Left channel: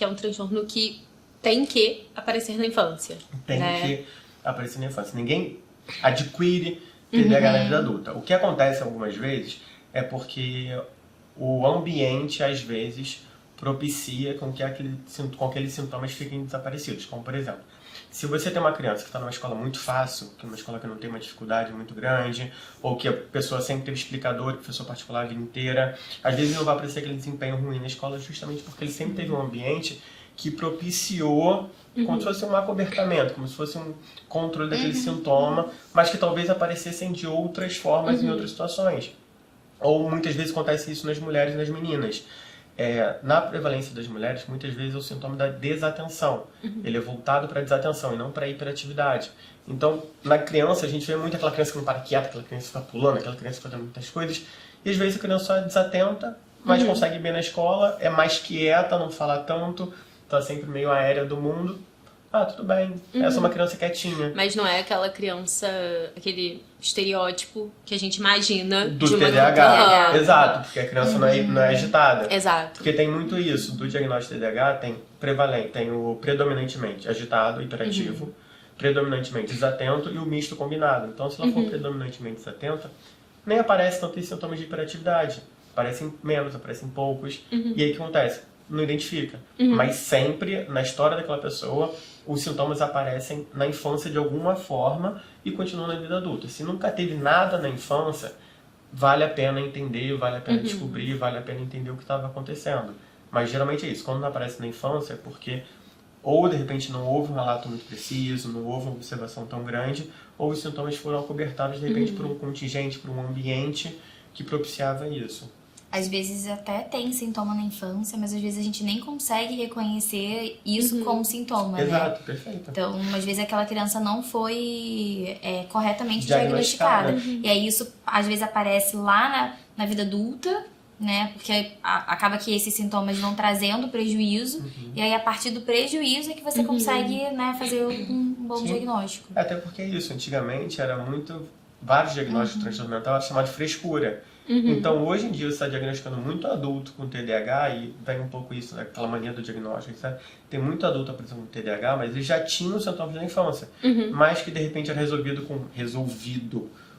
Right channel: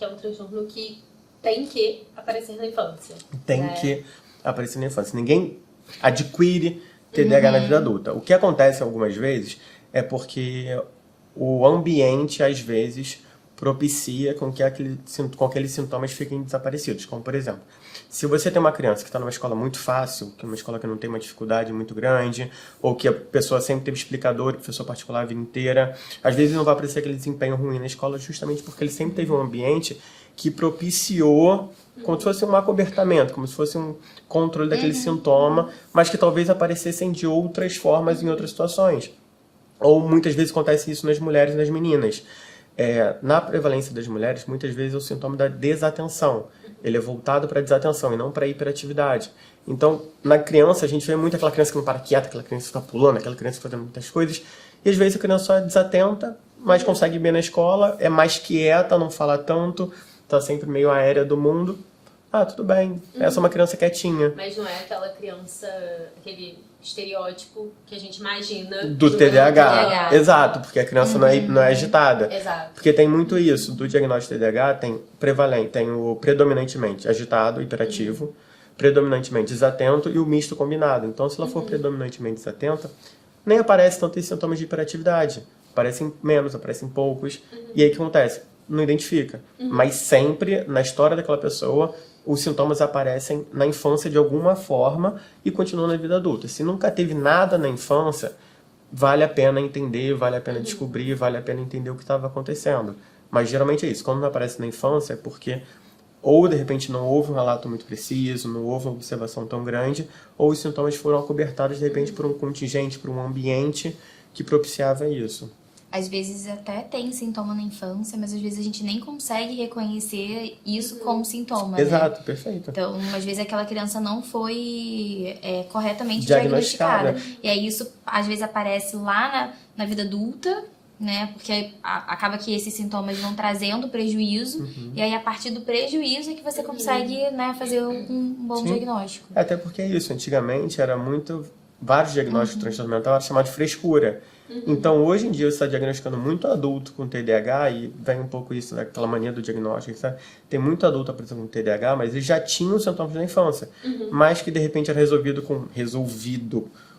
que é um transtorno que tem que aparecer na infância. Tem que aparecer na infância. Ninguém adquire TDAH na vida adulta. O que acontece algumas vezes é porque o ambiente, às vezes, propicia com que aqueles sintomas fiquem desaparecidos. Como, por exemplo, se você tem uma criança que está numa escola muito fácil, que é uma escola que não tem uma dificuldade muito grande, ou que a pessoa sempre teve explicador, professor particular a vida inteira, às vezes não vai aparecer aquele desempenho ruim na escola justamente porque ele sempre teve um ambiente que propiciou como se fosse um acobertamento, como se fosse um controle daquele sintoma, mas que talvez aparecessem de outras formas em outras situações. Ou muitas vezes acontece isso nas mulheres e nas meninas. Na prevalência das mulheres, muitas vezes é o sintoma da desatenção. Ele é voltado para a desatenção e não para a hiperatividade. Então, na criança, a gente vê muito aquela criança que não para quieta, aquela criança que está pulando, aquela criança que está fazendo muitas coisas. E às vezes a criança só é desatenta, mas consegue ir bem na escola, é mais quieta, não fala tanto, está sempre meio aérea do mundo. Ah, tudo bem. Essa é uma criança quietinha. Mas não é aquela criança, aquele estereótipo que a gente imagina Do TDAH. Exato, porque a criança não é agitada. Exato. Porque tem muito isso. Do diagnóstico de TDAH tem o predominantemente agitado, hiperativo, predominantemente desatento e o misto combinado. Então, se ela for predominantemente desatenta, nem aparece tanto esses sintomas de hiperatividade. Aparecem menos, aparecem poucos. E aí o que acontece? Não identifica. Mas sempre, na história daquela pessoa, os sintomas aparecem na infância de alguma forma e continuam na vida adulta. Se nunca teve nada na infância, vale a pena entender, vale a pena descobrir, vale a pena entender o que estava acontecendo. Mas geralmente é isso. Quando não aparece na infância é porque ou de repente não houve um relato muito preciso, não houve uma observação tão grande, ou os sintomas foram acobertados de repente por um contingente, por um ambiente que propiciava isso. Às vezes até tem sintoma na infância, mas às vezes a gente nem consegue reconhecer isso como sintoma, Exato, né? perfeito. Então, às vezes aquela criança não foi corretamente diagnosticada. E aí isso às vezes aparece lá na vida adulta, né? Porque acaba que esses sintomas vão trazendo prejuízo, e aí a partir do prejuízo é que você consegue, né, fazer um bom diagnóstico. Até porque é isso, antigamente era vários diagnósticos de transtorno mental era chamado de frescura. Então, hoje em dia, você está diagnosticando muito adulto com TDAH, e vem um pouco isso, né, aquela mania do diagnóstico, sabe? Tem muito adulto apresentando TDAH, mas eles já tinham os sintomas da infância, mas que de repente era resolvido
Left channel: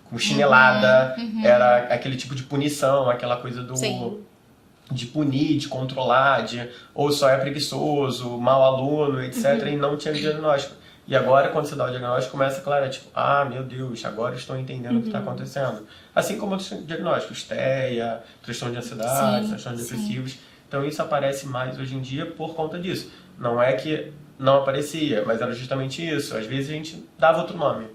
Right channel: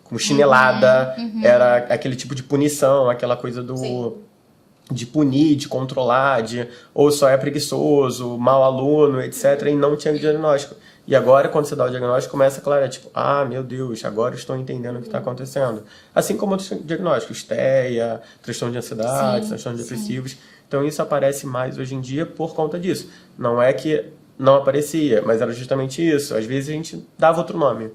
com chinelada, era aquele tipo de punição, aquela coisa de punir, de controlar, ou só é preguiçoso, mau aluno, etc., e não tinha diagnóstico. E agora, quando você dá o diagnóstico, começa, claro, tipo, meu Deus, agora eu estou entendendo o que está acontecendo. Assim como outros diagnósticos, TEA, transtorno de ansiedade, transtornos depressivos. Então, isso aparece mais hoje em dia por conta disso. Não é que não aparecia, mas era justamente isso. Às vezes a gente dava outro nome.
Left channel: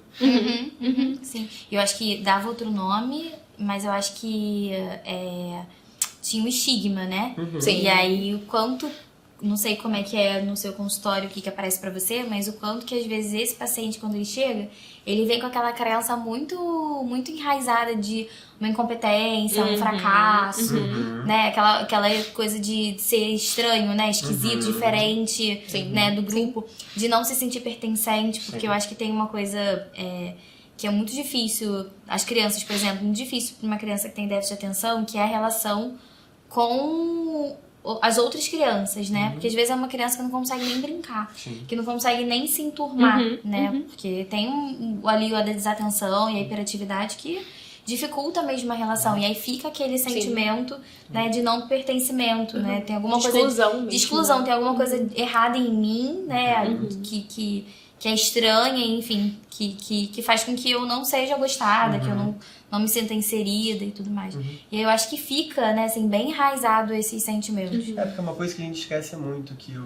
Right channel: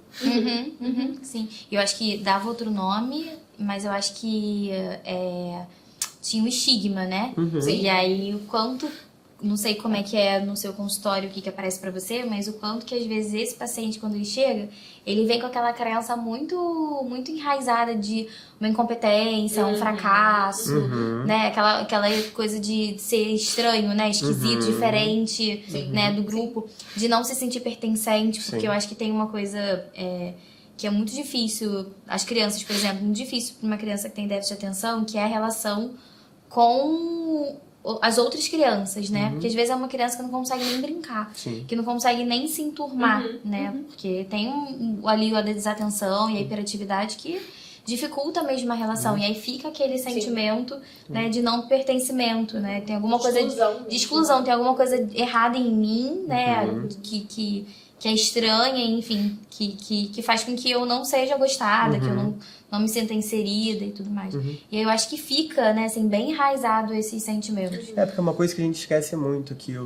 Sim. Eu acho que dava outro nome, mas eu acho que tinha um estigma, né? E aí, o quanto... Não sei como é que é no seu consultório, o que aparece pra você, mas o quanto que às vezes esse paciente, quando ele chega, ele vem com aquela crença muito, muito enraizada de uma incompetência, um fracasso, né? Aquela coisa de ser estranho, né? Esquisito, diferente, né? Do grupo, de não se sentir pertencente, porque eu acho que tem uma coisa que é muito difícil, as crianças, por exemplo, muito difícil para uma criança que tem déficit de atenção, que é a relação com as outras crianças, né? Porque às vezes é uma criança que não consegue nem brincar, que não consegue nem se enturmar, né? Porque tem ali a desatenção e a hiperatividade que dificulta mesmo a relação. E aí fica aquele sentimento, né, de não pertencimento, né? Tem alguma coisa de exclusão, tem alguma coisa errada em mim, né? Que é estranha, enfim, que faz com que eu não seja gostada, que eu não me sinta inserida e tudo mais. E aí eu acho que fica, né, assim, bem enraizado esses sentimentos. Porque é uma coisa que a gente esquece muito, que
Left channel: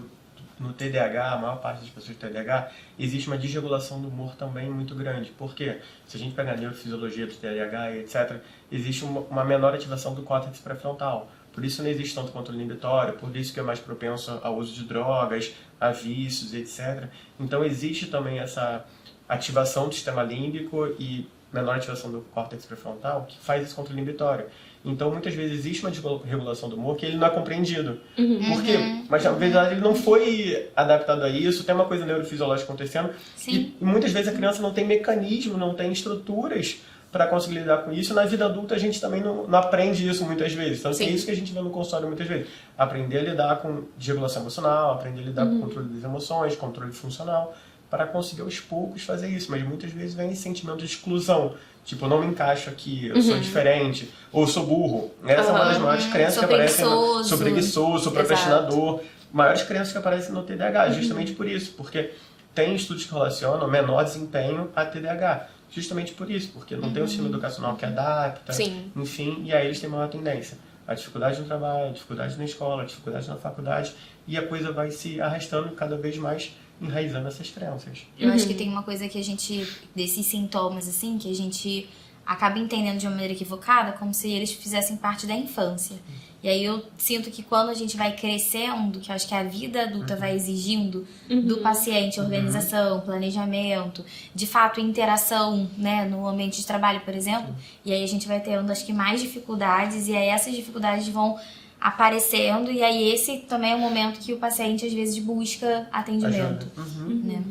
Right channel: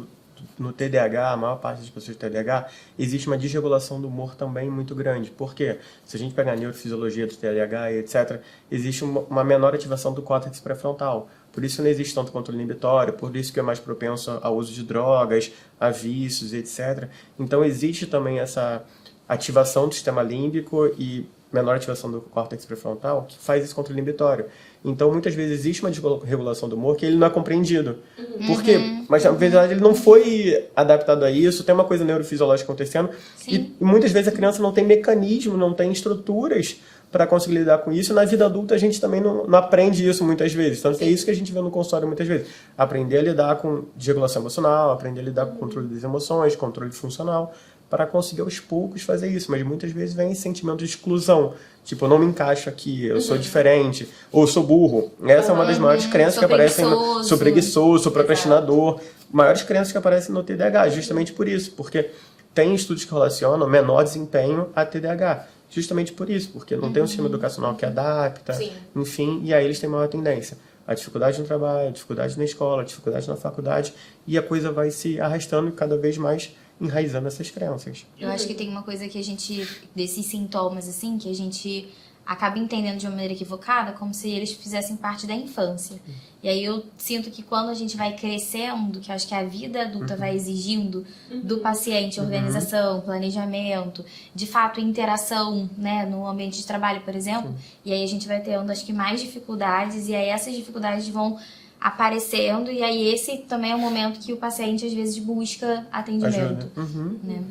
no TDAH, a maior parte das pessoas com TDAH, existe uma desregulação do humor também muito grande. Por quê? Se a gente pegar a neurofisiologia do TDAH e etc., existe uma menor ativação do córtex pré-frontal. Por isso não existe tanto controle inibitório, por isso que é mais propenso ao uso de drogas, a vícios, etc. Então existe também essa ativação do sistema límbico e menor ativação do córtex pré-frontal que faz esse controle inibitório. Então muitas vezes existe uma desregulação do humor que ele não é compreendido. Por quê? Mas na verdade ele não foi adaptado a isso, tem uma coisa neurofisiológica acontecendo e muitas vezes a criança não tem mecanismo, não tem estruturas para conseguir lidar com isso. Na vida adulta a gente também não aprende isso muitas vezes. Então é isso que a gente vê no consultório muitas vezes. Aprender a lidar com desregulação emocional, aprender a lidar com controle das emoções, controle funcional, para conseguir aos poucos fazer isso. Mas muitas vezes vem esse sentimento de exclusão. Tipo, eu não me encaixo aqui, eu sou diferente, ou eu sou burro. Essa é uma das maiores crenças que aparecem. Sou preguiçoso, sou procrastinador. Maiores crenças que aparecem no TDAH, justamente por isso. Porque tem estudos que relacionam menor desempenho a TDAH. Justamente por isso, porque não tem um sistema educacional que adapta, enfim, e aí eles têm maior tendência. A dificuldade no trabalho, a dificuldade na escola, a dificuldade na faculdade, e a coisa vai se arrastando cada vez mais, enraizando essas crenças. Eu acho que tem uma coisa que a gente, desses sintomas, assim, que a gente acaba entendendo de uma maneira equivocada, como se eles fizessem parte da infância. E aí eu sinto que quando a gente vai crescendo, que eu acho que a vida adulta vai exigindo do paciente organização, planejamento, de fato interação, né, no ambiente de trabalho, por exemplo, e aí a gente vai tendo, acho que, mais dificuldades, e aí essas dificuldades vão aparecendo, e aí esse também é o momento que o paciente às vezes busca atendimento. Né?